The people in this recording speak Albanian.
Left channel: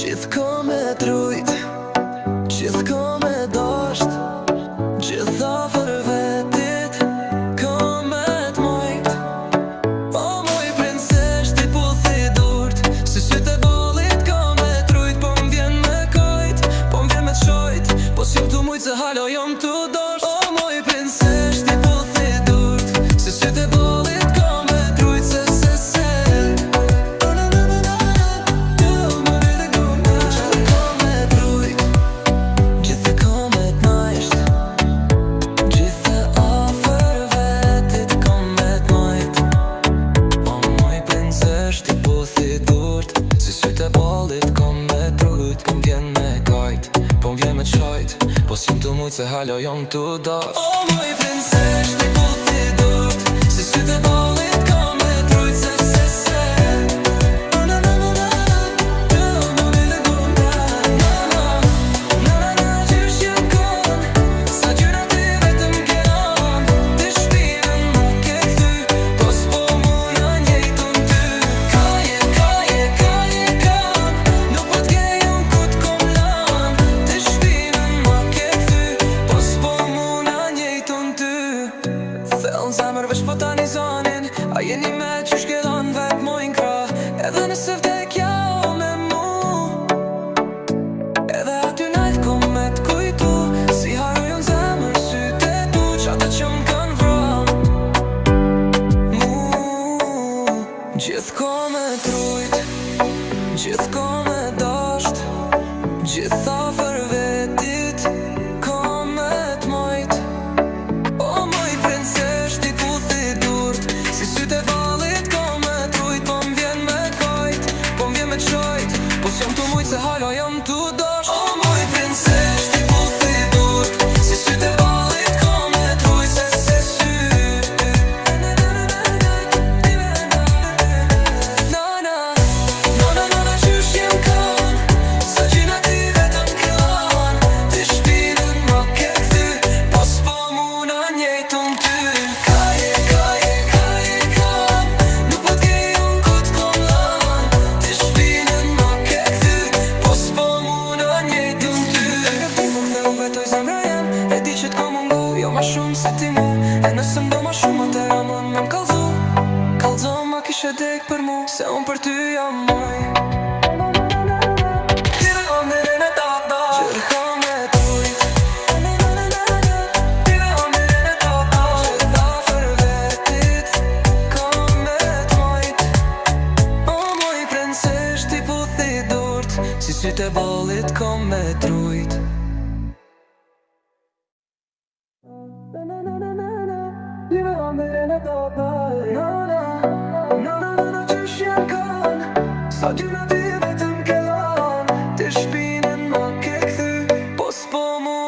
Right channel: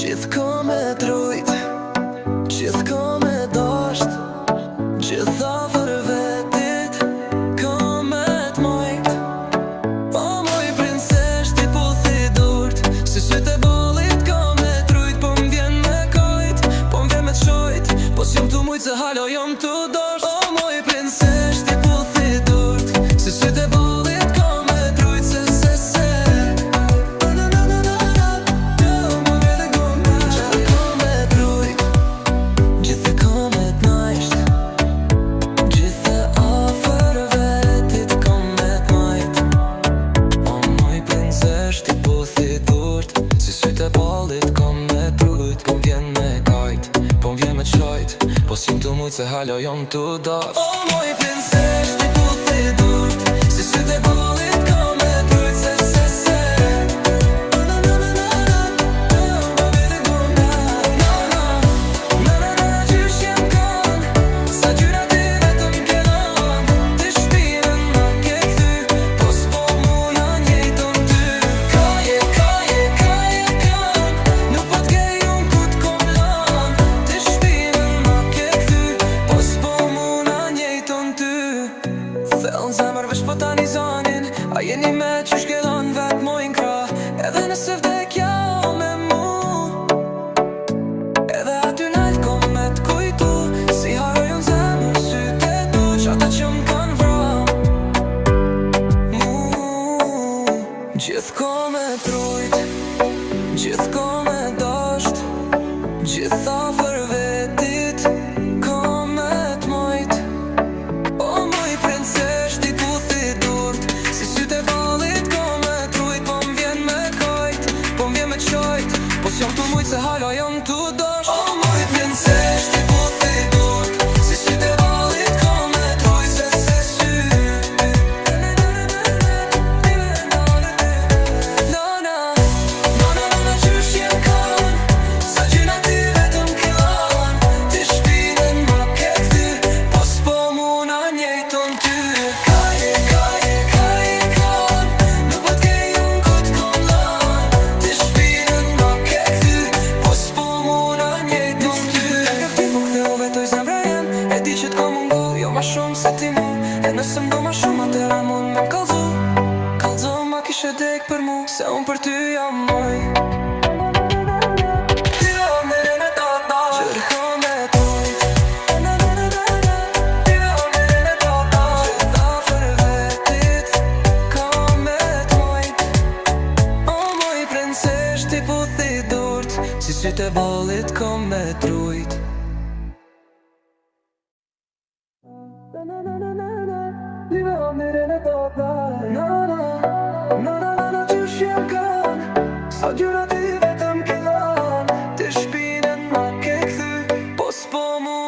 Gjithko me trujt, gjithko me dasht, gjitha për vetit, ka me t'majt. O moj princesh, ti puthi durt, si sytë e balit ka me trujt. Po m'vjen me kajt, po m'vjen me t'shojt, po s'jom t'u mujt se halo jom t'u dasht. O moj princesh, ti puthi durt, si sytë e balit ka me trujt. Se ti puthi durt, si sytë e ballit ka me trujt. Po m'vjen me kajt, po m'vjen me t'shojt, po s'jom t'u mujt se halo jom t'u dasht. O moj princesh, ti puthi durt, si sytë e ballit ka me trujt. Se qysh jem kon, sa gjyra ti vetëm ke lan. Ti shpinën ma ke kthy, po s'po muna njejtun ty. Kaje kan, nuk po t'gej unë ku t'kom lan. Ti shpinën ma ke kthy, po s'po muna njejtun ty. Thellën zemër veç po tani zanin, a jeni me qysh ke dhan vet mojnë kra. Edhe nëse vdekja o me mu, edhe aty najt kom me t'kujtu, si harojun zemër syte tu, qata që m'kan vram mu. Gjithko me trujt, gjithko me dasht, gjitha për vetit, ka me t'majt. O moj princesh, ti puthi durt, si sytë e ballit ka me trujt. Po m'vjen me kajt, po m'vjen me t'shojt, po s'jom t'u mujt se halo jom t'u dasht. O moj princesh, ti puthi durt, si sytë e ballit ka me trujt. Se qysh jem kon, sa gjyna ti vetëm ke lan. Ti shpinën ma ke kthy, po s'po muna njejtun ty. Kaje kan, nuk po t'gej unë ku t'kom lan. Ti shpinën ma ke kthy, po s'po muna njejtun ty. E kërtim po ktheu vetoj zemra jem, e di që t'kom mungu, jo ma shumë se ti mu. E nëse m'do ma shumë, atëra mund me m'kallzu. Kallzo ma kishe dek për mu, se unë për ty jam moj. Gjithko me trujt, gjitha për vetit, ka me t'majt. O moj princesh, ti puthi durt, si sytë e ballit ka me trujt. Qysh jem kon, sa gjyra ti vetëm ke lan. Ti shpinën ma ke kthy, po s'po mu